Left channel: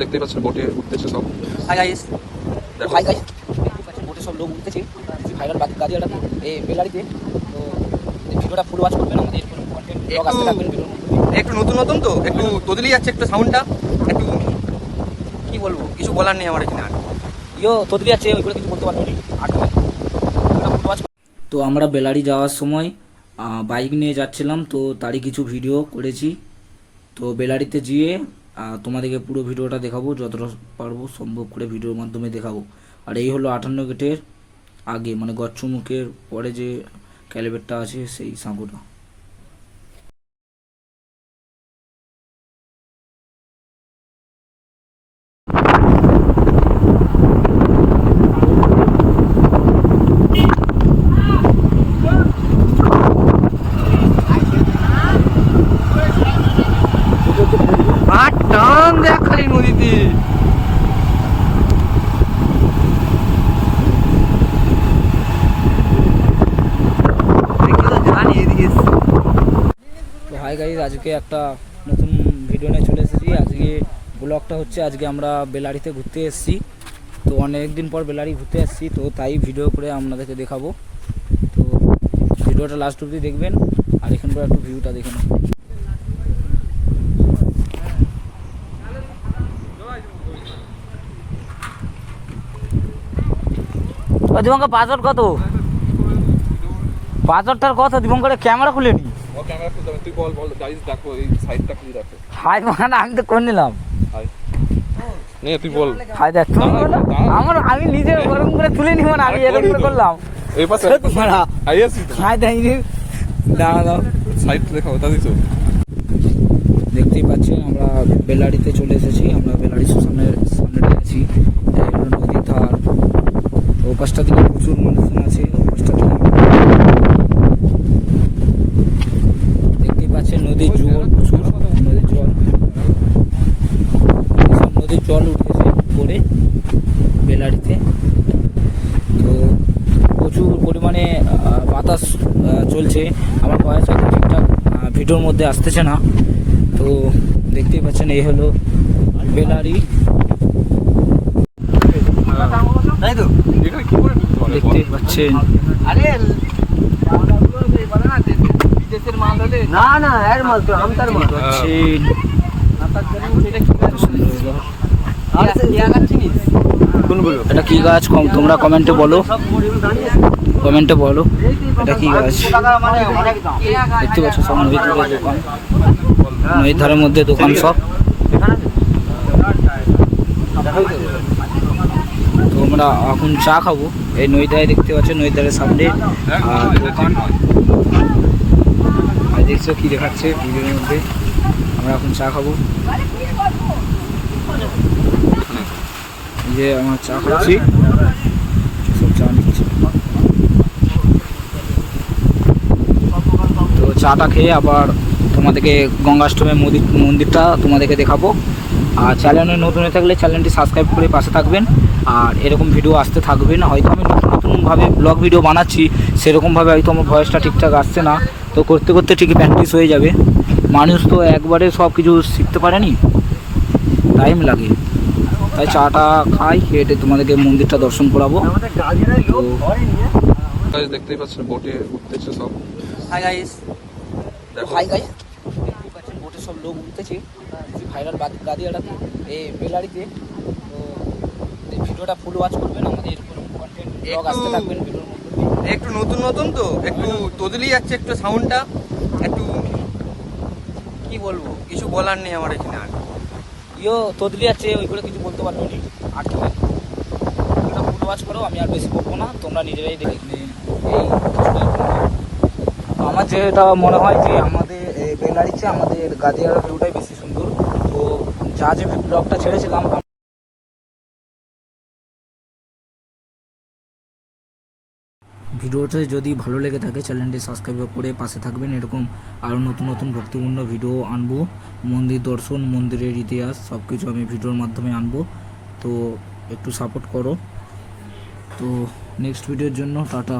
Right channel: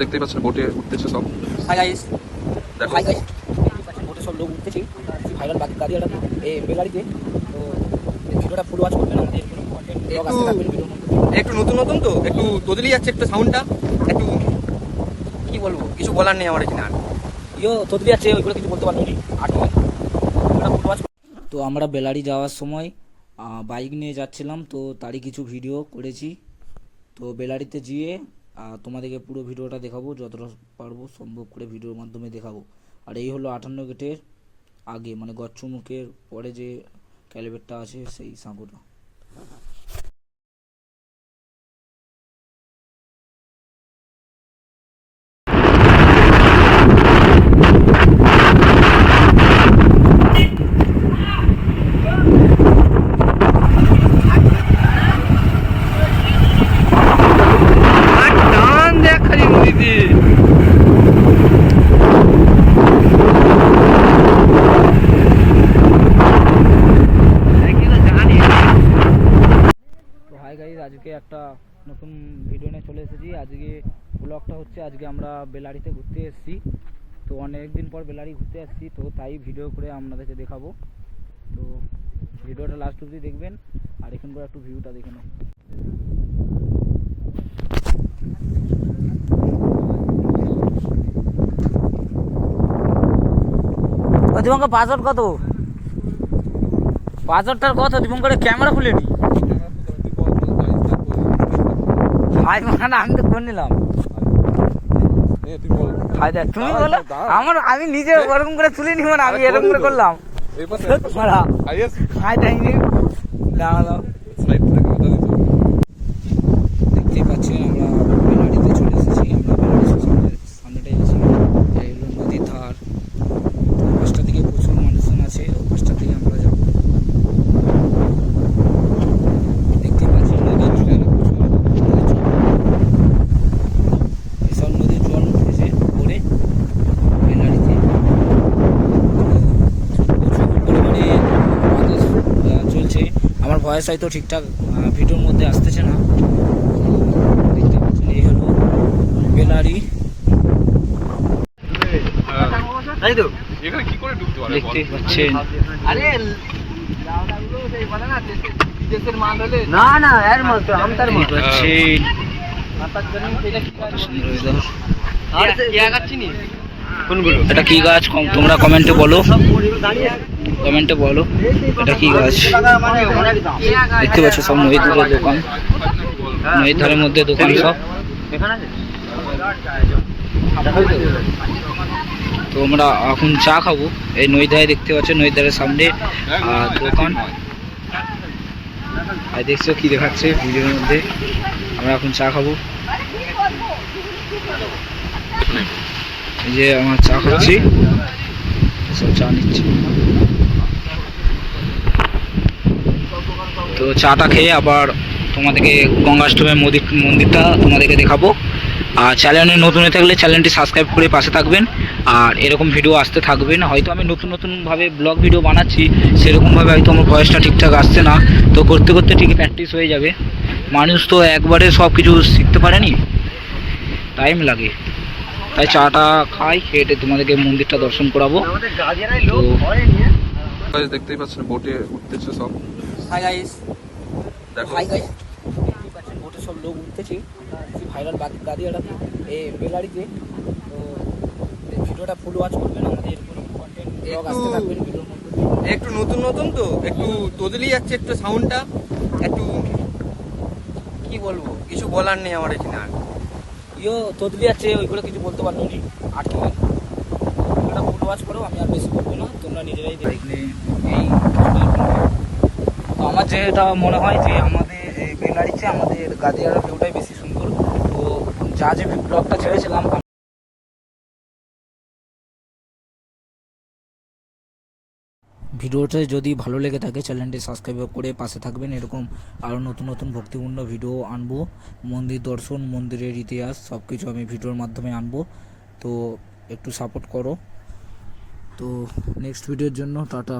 দেখতেই পাচ্ছেন বোটে উঠতেছে সব। হাই গাইস, দেখো হাই গাইস, দেখতেই পাচ্ছেন বোটে সব লোক উঠতেছে। আমরা ভাইরাল গাড়িটা এই বেলারিতে। তো ভিডিওটা ফুল ওয়াচ করবেন, আমাদের এরকম কন্টেন্ট ব্লগ আসতে থাকবেন ভিডিওর মধ্যে। একটু নতুন নতুন তো একটু তোদলি যাচ্ছে একটু সাউন্ডটা, একটু কি বলবো, কিছু বলার নেই আমার এখানে আর। তোদলি আছে, ওইগুলো কিছু বলতে পারবো না। আর ভিডিওটা ফুল ওয়াচ। তো আমরা বেলারি যাওয়ার সময় বাইক নিয়ে যাচ্ছিলাম, তো তারই কিছু ভিডিও করেছি। তো বেলারিতে গিয়ে তোমাদেরকে পুরো ভিডিওটা দেখাবো, যতটা পারবো সম্ভব করে ভিডিওর মাধ্যমে দেখাবো। আর এই হলো 58 গেটের আগে, মানে গচ্ছমুখের পরে যে ক্যালিবেটটা আছে সেই সাঁকোটা। টান দেখ খালি নদীতে। তো হাই গাইজ, আজকে একটা নতুন ভিডিও নিয়ে চলে এসেছি। আজকে ব্লগটা হচ্ছে, আজকে আমরা বেলারিতে ঘুরতে এসেছি। তো অনেক দিন পর বেলারি ঘুরতে এসেছি, তো তাই ভিডিও করে আপনাদেরকে দেখাবো। তো ভিডিওটা লাস্ট অবধি দেখবেন, আর এখানকার একটু ভিউটা দেখে নেন। দীপঙ্কর পাসওয়ার্ড কত? পাসওয়ার্ডটার কত? দীপঙ্করের ক্যামেরা খুলে নি। হাই মানে আমি তো করে নিলাম। তুই বল। হাই দেখ, তুমি বলো। আমি নিজে ওরকম করে তুলে নি, মানে আমি এরকম করে করলাম। এই পাশে হাই দেখ, দাঁড়া দাও। দেখতেই পাচ্ছেন আমরা বেলারিতে চলে এসেছি। আমরা বেলারি স্টেশনের সামনে রয়েছি, নদীর ধার। তো ওই পাশটা দিকে প্রচুর মানুষজন আছে, ওই পাশটা থেকে দেখতেই পাচ্ছেন নদীর জল, প্রচুর সব নদীর জল উঠেছে পরে বেলারিতে। তো প্রচুর পরিমাণে বাতাস চলছে। আমার ভয়েস হয়তো ঠিকঠাক ভিডিওর মধ্যে আসতেছে না। তো দেখতেই পাচ্ছেন এই হলো বেলারি। দেখতেই পাচ্ছেন এটা কি গাছ, তোমরা কমেন্টে বলো, এটা কি গাছ। দেখতে পাচ্ছ সব নদীর ধারে দোকান, নদীর ধারের মধ্যে দোকান সব। তো আমরা এখন চা খাবো এই নদীর ধারে। দেখতে পাচ্ছ নদীর ধারের সামনে দোকান। আর দেখছো কি দেখাচ্ছে ভিডিওর মধ্যে। আমরা এখন চা খাবো, এই যে আমার চা খাচ্ছি, সব চা নিচ্ছি। তো চাটা খেয়ে আবার তোমাদেরকে গঙ্গাষ্টমের মন্দিরটা তোমাদেরকে দেখাবো। আর চ্যানেলে নতুন হয়ে থাকলে চ্যানেলটি সাবস্ক্রাইব করে পাশে থাকবেন। আর এরকম ভিডিও আসতে থাকবে না। হয়তো আমি নতুনভাবে ব্লগ ভিডিও বানাচ্ছি, সেরকমভাবে হয়তো আমার ভয়েসটা ঠিকঠাক আসছে না। তো করতে করতে ঠিকই প্র্যাকটিস হয়ে যাবে। মানুষ তো একবারে সব কিছু শিখতে পারেনি, টাইম লাগে। তাই চাটা খাই, খেয়ে তোমাদেরকে মন্দিরটা দর্শন করাবো। তো দেখতেই পাচ্ছেন বোটে উঠতেছে সব। হাই গাইস, দেখো হাই গাইস, দেখতেই পাচ্ছেন বোটে সব লোক উঠতেছে। ভাইরাল গাড়িটাতে এই বেলারিতে। তো ভিডিওটা ফুল ওয়াচ করবেন, আমাদের এরকম কন্টেন্ট ব্লগ আসতে থাকবেন ভিডিওর মধ্যে। একটু নতুন নতুন তো একটু তোদলি যাচ্ছে একটু সাউন্ডটা, একটু কি বলবো, কিছু বলার নেই আমার এখানে আর। তোদলি আছে, ওইগুলো কিছু বলতে পারবো না। আর ভিডিওটা ফুল ওয়াচ করো, আমি আর বেশি বলবো না, তোমরা নিজেরাই দেখবে। আমার যেটা মনে হয় যে আমাদের বেলারিতে আমাদের গাদিয়ার ভিউটাই বেশি সুন্দর। তো যা যে ব্লগটা ছেড়েছিলাম, ভিডিওটা যদি ভালো লেগে থাকে চ্যানেলটি সাবস্ক্রাইব করে পাশে থাকবেন। এরকম আরও নতুন নতুন ভক্তিপূর্ণ ভিডিও আনবো, মন্দির দর্শন, মন্দিরের ইতিহাস সব কিছু আমি ভিডিওর মাধ্যমে আনবো। তো একটু সাপোর্ট করো। তো নেক্সট ভিডিওর জন্য টাটা।